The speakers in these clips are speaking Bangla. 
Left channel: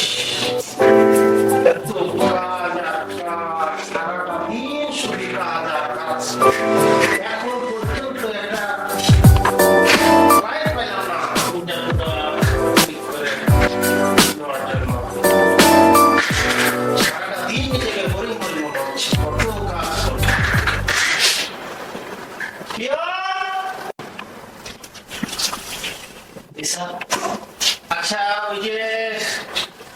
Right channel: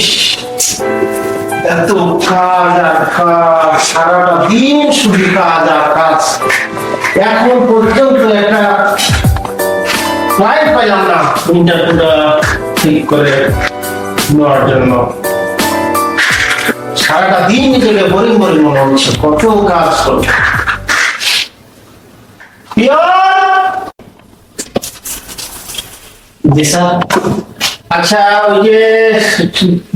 ইস, এত কাজ আর কাজ, সারাটা দিন শুধু কাজ আর কাজ। এখন পর্যন্ত একটা ক্লায়েন্ট পাইলাম না ইন্টারভিউটা ঠিক করে নেওয়ার জন্য। সারাটা দিন নিজেকে বোরিং বোরিং মনে হচ্ছে, কত কাজ করছে। জি স্যার। আচ্ছা, ওই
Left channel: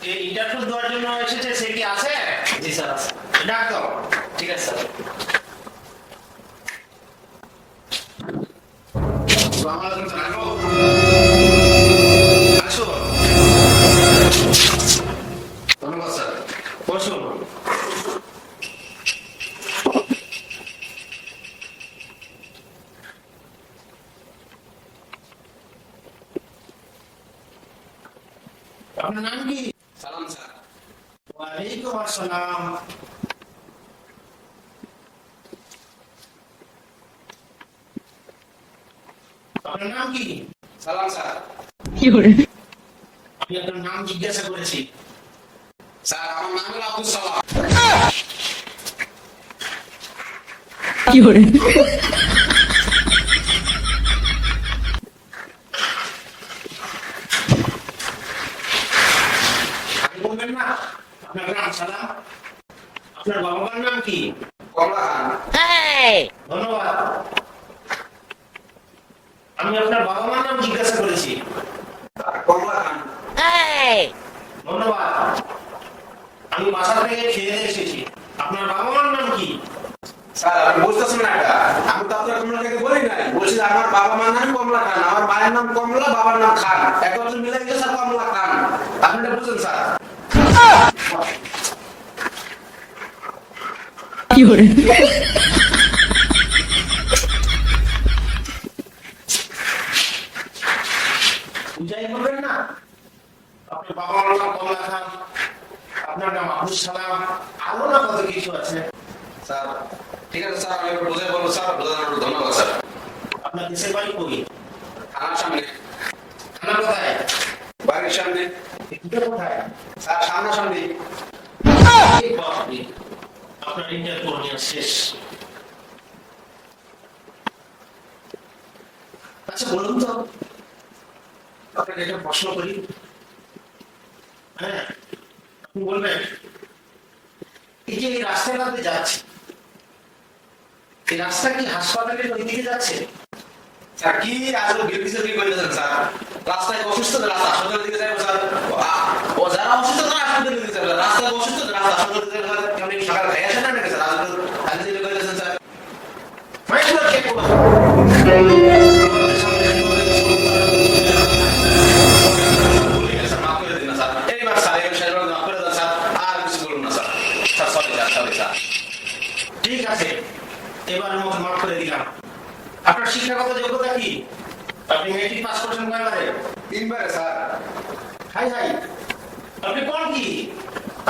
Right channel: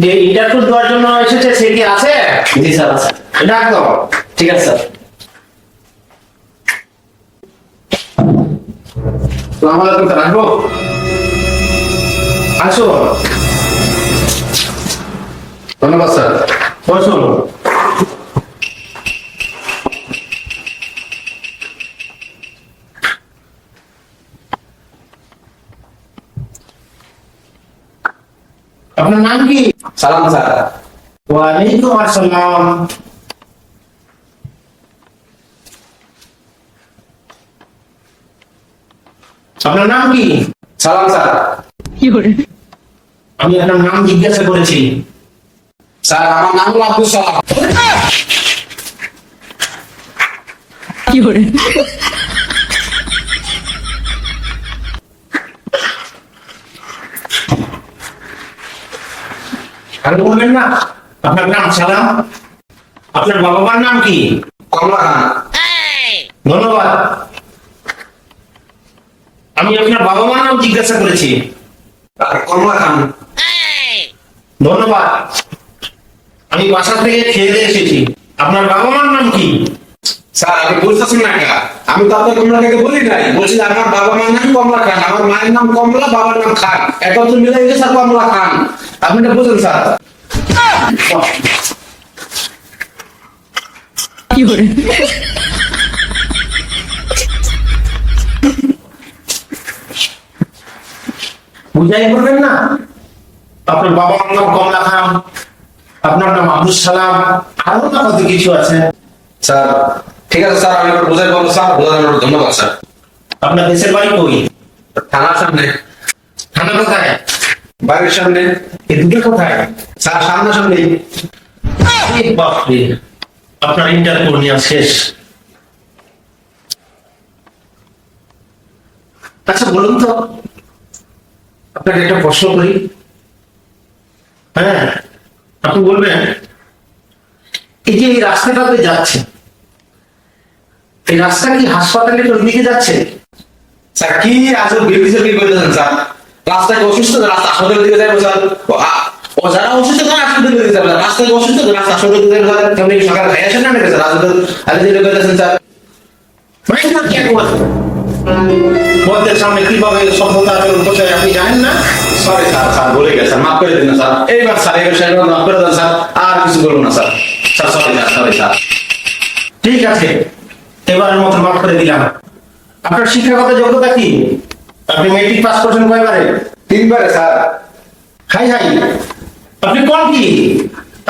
যে ইন্টারভিউ দেওয়ার জন্য এসেছে, সে কি আছে? জি স্যার আছে। ডাক দাও। ঠিক আছে স্যার। সালাম আলাইকুম স্যার, আসবো? আসো। ধন্যবাদ স্যার, বসুন। আপনার নাম কি? সালাম স্যার। ওয়ালাইকুম আসসালাম। আপনার নাম কি? সালাম স্যার। আমি আপনার নাম জিজ্ঞাসা করেছি। স্যার আমার নাম হলো আব্দুল সালাম। আর বলবেন না আপনার নাম সালাম? আপনার বাবা মার নাম কি? কমলা খান। ধন্যবাদ। আমি আপনার বাবা মার নাম জিজ্ঞাসা করেছি। কমলা খান। ধন্যবাদ। আমি বাসা থেকে খেয়ে দিয়ে এসেছি। আপনার বাবা মার নাম কি? স্যার আপনি বুঝতেছেন না কা? আমি তো আপনার কমলা খানকে বলি নাই, বলছি যে আমার বাবা মার নাম কমলা খান, আমার মায়ের নাম কমলা, বাবার নাম খান, একত্র মিলে গেছে স্যার কমলা খান। আপনি এটা বুঝেন স্যার? বুঝাই বলবেন না? আপনার বাবার নাম কমলা খান, আপনার নাম আব্দুল সালাম, আরো না কত কিছু আছে। স্যার ঠিক আছে স্যার, আমি একটু বুঝাই বলবো স্যার, বোঝানোর জন্য ধন্যবাদ স্যার। আপনার দেশের বাড়ি কই? থানার সামনে। থানা কোথায়? বাড়ির সামনে। এই দুটো কোথায়? স্যার সামনাসামনি। বাপরে, আপনার ইন্টারভিউ নেওয়া শেষ। আচ্ছা বলুন তো, আপনাকে একটা প্রশ্ন করি। হ্যাঁ, আপনি বলবেন, এই যে এই রাস্তাটাতে যাচ্ছে, এই রাস্তা কি হাসপাতালের ওই দিকে যাচ্ছে? স্যার কি আজব বিরক্তি কি করতেছেন স্যার? রাস্তায় অসুস্থ, রাস্তা হাসপাতালের দিকে যাবো স্যার। ও যারা অসুস্থ তারা হাসপাতালের দিকে যাবে, রাস্তায় অসুস্থ রাস্তা হাসপাতালের দিকে যাবে স্যার। আপনি সকাল খাই আসেন না নাকি স্যার? আজ যেটা করতেছেন স্যার। বলতে সামনে কিভাবে সভ্যতা আচরণ করতে হয় আপনি জানেন না? সরি স্যার, স্যার ভুলে গেছেন, মাফ করে দিন না স্যার। এইবার স্যার এই বিষয়ে মাফ করে দেন স্যার, আর কিছু বলবো না sir. Sir sorry sir, sorry sir. ঠিক আছে, এবারের মতো মাফ করে দিলাম। আপনার শিক্ষাগত যোগ্যতা কি? আপনি মেট্রিক পাস করছেন কয়বারে? 3 বারে স্যার। হাই হাই, আপনি কোন কি?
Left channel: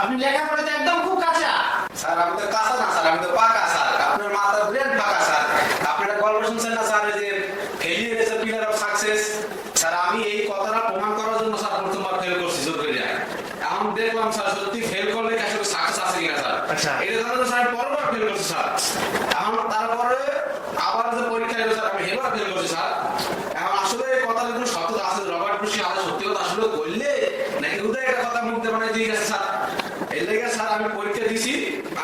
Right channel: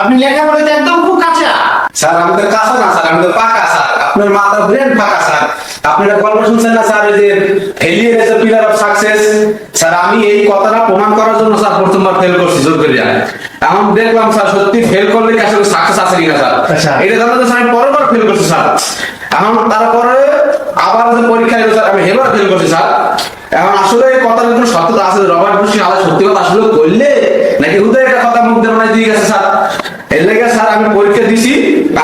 আপনি লেখাপড়াতে একদম খুব কাঁচা। স্যার আমাদের কাঁচা না স্যার, আমাদের পাকা স্যার। আপনার মাথার ব্রেন ফাঁকা স্যার। আপনারা গল্প শুনছেন না স্যার, ওই যে failure is the pillar of success. Sir আমি এই কথাটা প্রমাণ করার জন্য স্যার প্রথমবার ফেল করছি জোর করে। এখন দেখলাম স্যার সত্যি ফেল করলে কি আসলে সাকসেস আছে কিনা স্যার। আচ্ছা। এটা জানাতে স্যার আমি পরেরবার ফেল করছি স্যার। এখন তারপরে আবার যে পরীক্ষা এলো স্যার, আমি এবার ফেল করছি স্যার। এখন আসলে এই কথার কোনো সত্যতা আছে? রবার্ট বুশ আলাদা সত্যি কথা আসলে কইলে নাকি হুদে একটা কথা মুখ দিয়ে বানাই দিয়ে গেছে স্যার? এর লেগে স্যার আমি পরীক্ষা দিছি,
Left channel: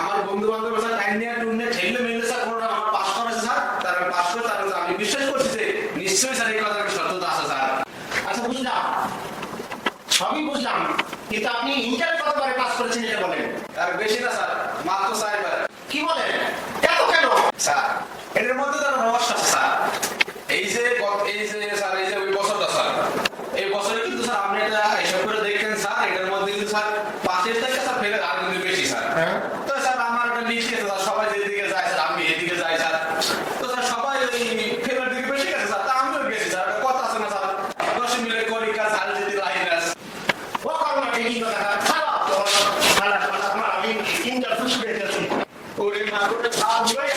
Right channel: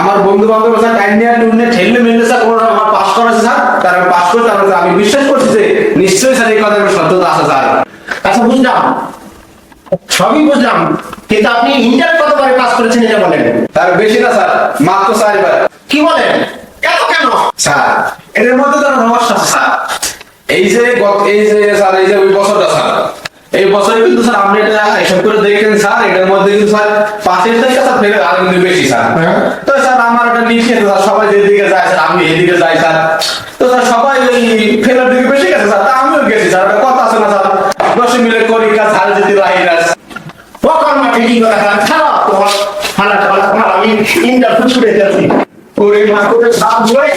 আমার বন্ধু বান্ধব স্যার টাইম নিয়ে টুনে ঠেললে মেললে স্যার কোনো আমার পাস করেছে স্যার। তার আমি পাস করতে আমি বিশ্বাস করছি যে নিশ্চয়ই স্যার এই কথার সত্যতা আছে স্যার। আচ্ছা বুঝলাম, সবই বুঝলাম, কিন্তু আপনি ইন্টার কতবারে পাস করেছেন এটা বলেন। তার বেশি না স্যার, মাত্র 4 বার। কি বলেন? এত কেন? স্যার এর মধ্যে তো রহস্য আছে স্যার। এই যে স্যার এই যে ওই বছরটা স্যার, এই বছরে কিন্তু স্যার আপনি এটা হিসাব করে দেখেন স্যার, এটার মধ্যে কিন্তু স্যার 5 থেকে স্যার ফেলে আর কিন্তু বেশি স্যার। তো স্যার আমার একটা লিখে স্যার সবাই যেদিকে যায় স্যার আমি এদিকে যাই স্যার। তো স্যার সবাই ওই ফেলার দিকে বেশি গেছে স্যার, তা আমিও গেছি স্যার। একটা কথা আছে না স্যার, 10 মিলে করি কাজ হাল যেতে রাহিরাস। ও কর্মা ঠিকই কথা খারাপ তোমার হালা তোমার আমি ইন্টার ফুসুরে যাচ্ছি। ওরে মা করে সাপ জয়